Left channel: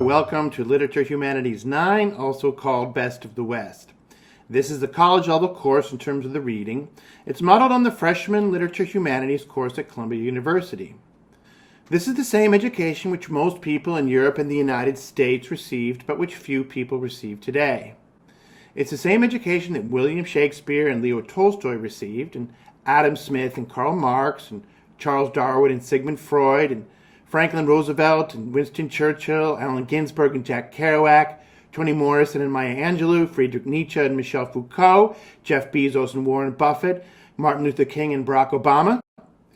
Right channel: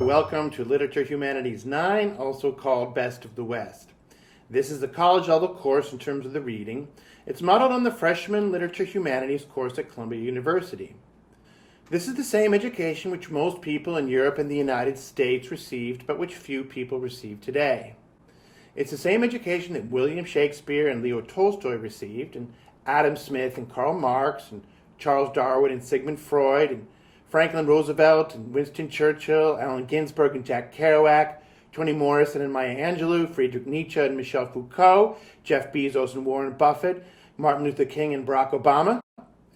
Welcome to Literature Humanities 9, also called Best of the West. This is a college-level course in terms of the reading. It's modeled on the freshman Literature Humanities course at Columbia University. This is the same education which most people in Europe and the United States received, but which few people receive today. It's the same education that William Shakespeare and Leo Tolstoy received, and Adam Smith and Karl Marx, and Charles Darwin and Sigmund Freud, and Franklin Roosevelt and Winston Churchill, Allen Ginsberg and Jack Kerouac, Toni Morrison and Maya Angelou, Friedrich Nietzsche and Michel Foucault, Jeff Bezos and Warren Buffett, Martin Luther King and Barack Obama,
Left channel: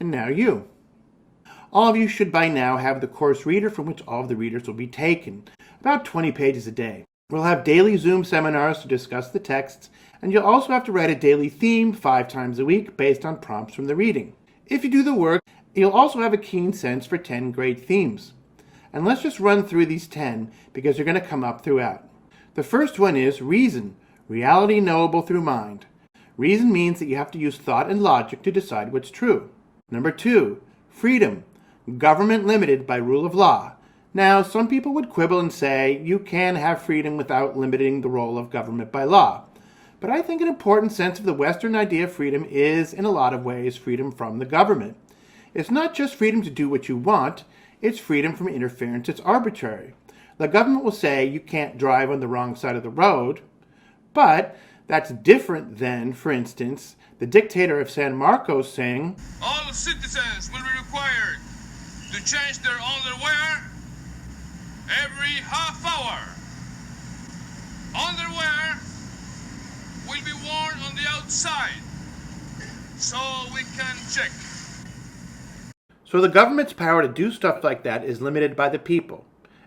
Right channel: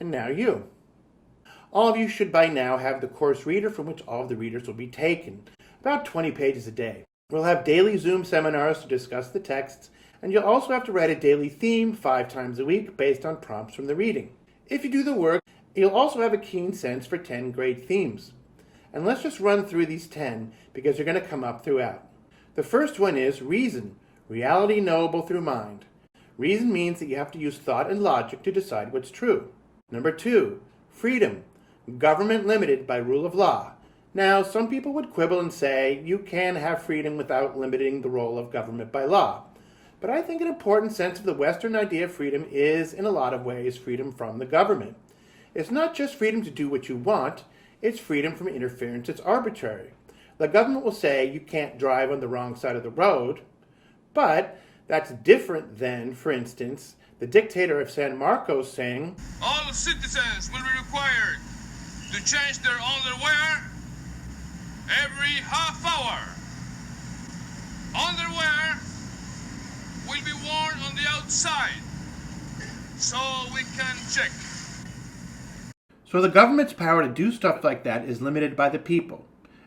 and now you. All of you should by now have the course reader from which all of the readers will be taken, about 20 pages a day. We'll have daily Zoom seminars to discuss the texts, and you'll also have to write a daily theme 5 times a week based on prompts from the reading. If you do the work, you'll also have a keen sense for 10 great themes. And let's just run through these 10 because they're going to come up throughout. The first one is reason, reality knowable through mind. Reason means that you have to use thought and logic to decide what's true. Number 2, freedom, government limited by rule of law. Now, some people would quibble and say you can have freedom without limiting the role of government by law. But I think an important sense of the Western idea of freedom is, in a lot of ways, freedom from the government. It's not just freedom to do what you want, it's freedom from interference. It's arbitrary. The government will say you can't drive on the wrong side of the road, but that's different than, for instance, the dictator of San Marcos saying, all citizens will be required to change their underwear every half hour. Underwear will be worn on the outside so we can check. So the government's power to do stuff like that is limited by the people,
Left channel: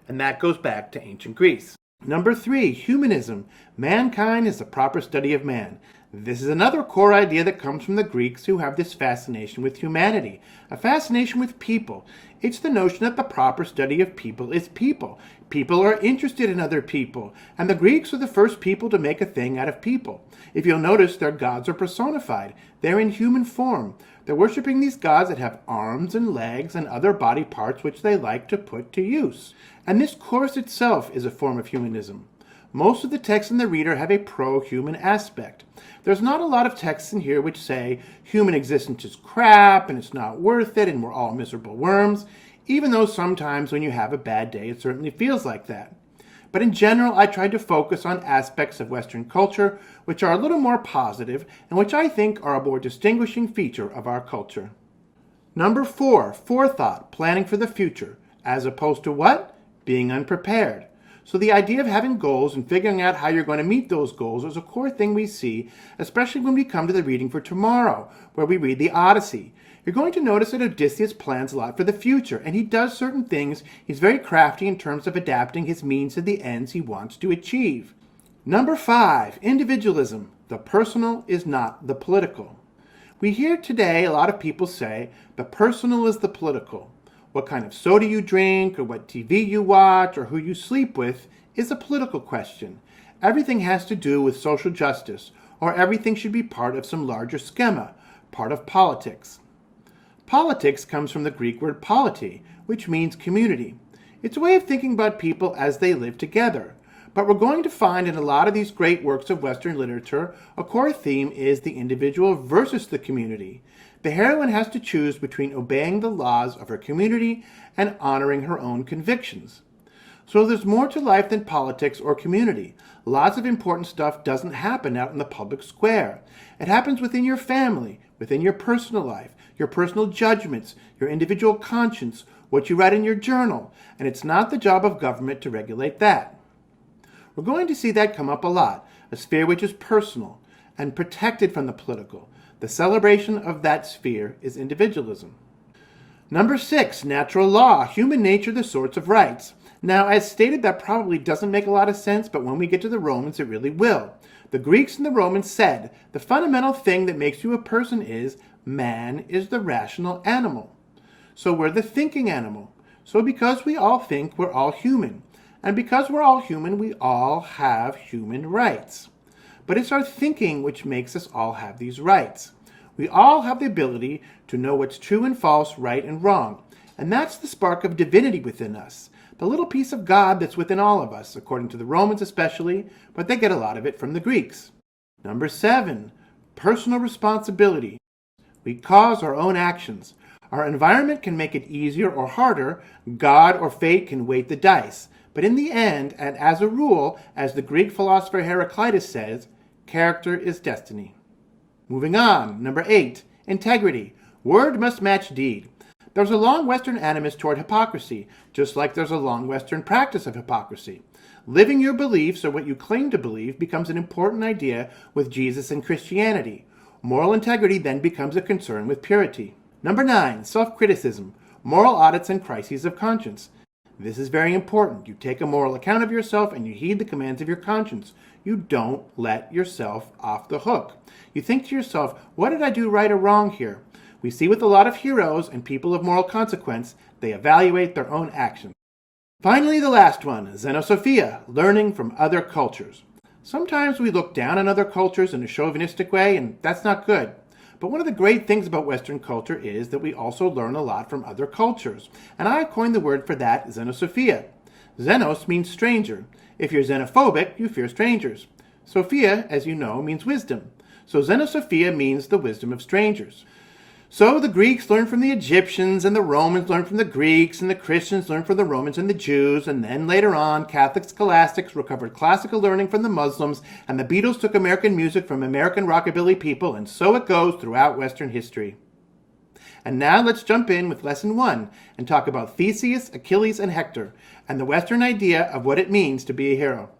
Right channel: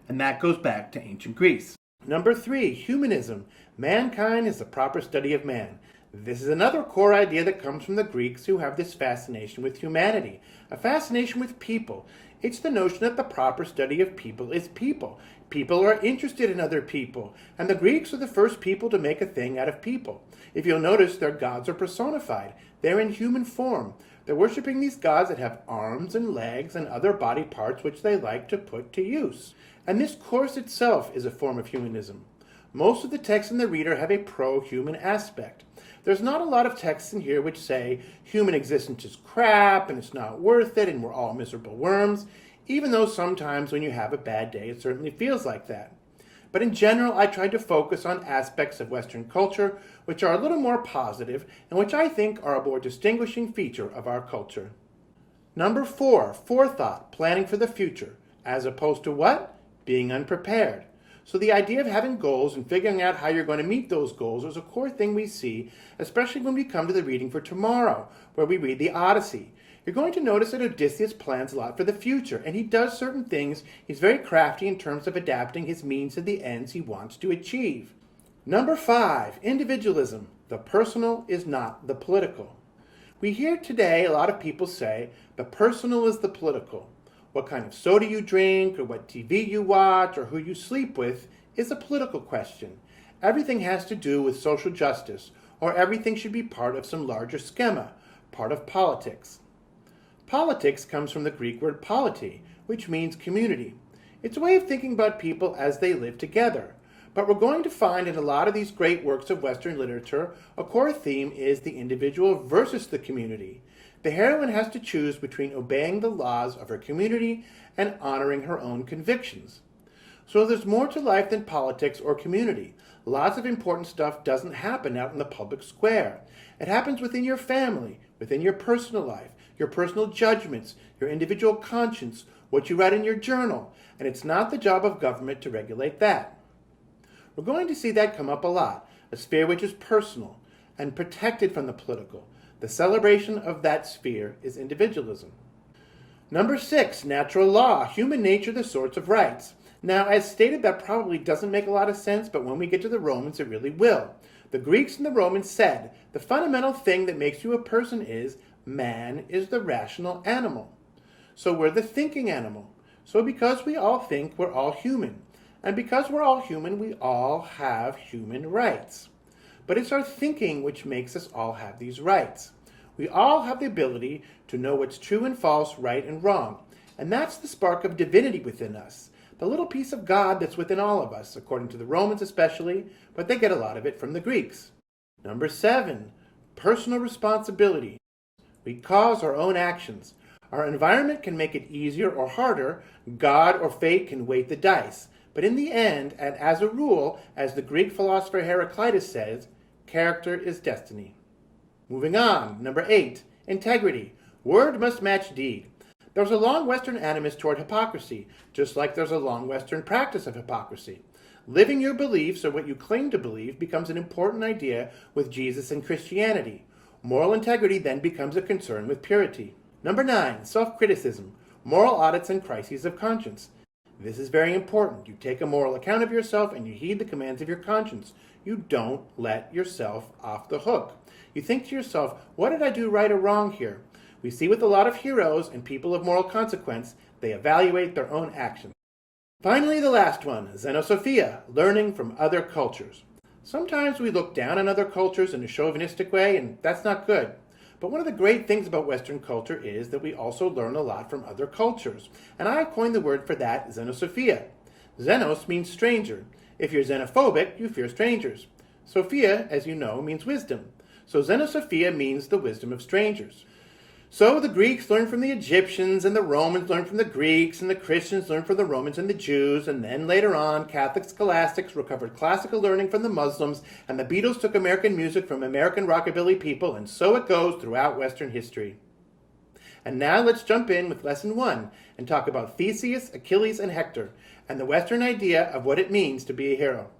and that goes back to ancient Greece. Number 3, humanism. Mankind is the proper study of man. This is another core idea that comes from the Greeks, who have this fascination with humanity, a fascination with people. It's the notion that the proper study of people is people. People are interested in other people, and the Greeks are the first people to make a thing out of people. If you'll notice, their gods are personified. They're in human form. They're worshiping these gods that have arms and legs and other body parts which they like to put to use. And this course itself is a form of humanism. Most of the texts in the reader have a pro-human aspect. There's not a lot of texts in here which say human existence is crap and it's not worth it and we're all miserable worms, even though sometimes when you have a bad day it certainly feels like that. But in general, I tried to focus on aspects of Western culture which are a little more positive and which I think are a more distinguishing feature of our culture. Number 4, forethought, planning for the future, as opposed to what? Being unprepared. So the idea of having goals and figuring out how you're going to meet those goals is a core thing we see, especially when we come to the reading for tomorrow, where we read the Odyssey. You're going to notice that Odysseus plans a lot for the future, and he does certain things. He's very crafty in terms of adapting his means to the ends he wants to achieve. Number 5, individualism. The personal is not the political. We hear today a lot of people say the personal is the political. What kind of soda you drink, or what TV you watch, or who you sleep with is a political question. Everything has to do with social justice, or everything should be part of some larger schema, part of politics. Politics comes from the Greek word polity, which means community. It's a way of thinking about people as they live together. But we're going to find in a lot of these great works of Western literature, a core theme is the individual versus the community. The heroine has to choose between obeying the laws of her community and honoring her own convictions. So there's more to life than politics or community. Lots of important stuff doesn't happen out in the public square. It happens within your family, within your personal life, your personal judgments, your individual conscience, what you write in your journal, and it's not the job of government to regulate that. We're going to see that come up a lot, a sphere which is personal and protected from the political. The celebration of that sphere is individualism. Number 6, natural law, human nature, the sorts of rights. Now, as stated, that probably doesn't make a lot of sense, but when we get to the Romans, it really will. The Greeks and the Romans said, the fundamental thing that makes you a person is, man is the rational animal. So we're the thinking animal. So because we all think, we're all human. And because we're all human, we all have human rights. But it's our thinking which makes us all have these rights. We all have the ability to know what's true and false, right and wrong. And that's the spark of divinity within us, the little piece of God that's within all of us, according to the Romans especially, but they get a lot of it from the Greeks. Number 7, personal responsibility. We cause our own actions. Our environment can make it easier or harder. God or fate can weight the dice. But in the end, and as a rule, as the Greek philosopher Heraclitus says, character is destiny. Moving on, number 8, integrity. Word must match deed. There's a long Western animus toward hypocrisy, just like there's a long Western practice of hypocrisy. Living your beliefs or what you claim to believe becomes an important idea with Jesus and Christianity. Moral integrity then becomes a concern with purity. Number 9, self-criticism, moral audits and crises of conscience. This is very important. You take a moral account of yourself and you heed the commands of your conscience. You don't let yourself off the hook. You think to yourself, what did I do right or wrong here? We see with a lot of heroes and people of moral consequence, they evaluate their own actions. Finally, the last one, xenosophia, learning from other cultures. Sometimes we look down on other cultures in a chauvinistic way, and that's not good. But one of the great things about Western culture is that we also learn a lot from other cultures. And I coined the word for that, xenosophia. Xenos means stranger. If you're xenophobic, you fear strangers. Sophia, as you know, means wisdom. So xenosophia means the wisdom of strangers. So the Greeks learned from the Egyptians, and the Romans learned from the Greeks, and the Christians learned from the Romans and the Jews, and then later on, Catholic scholastics recovered classical learning from the Muslims, and the Beatles took American music from American rockabilly people, and so it goes throughout Western history. And now let's jump in with Lesson 1 and talk about Theseus, Achilles, and Hector, and the Western idea of what it means to be a hero.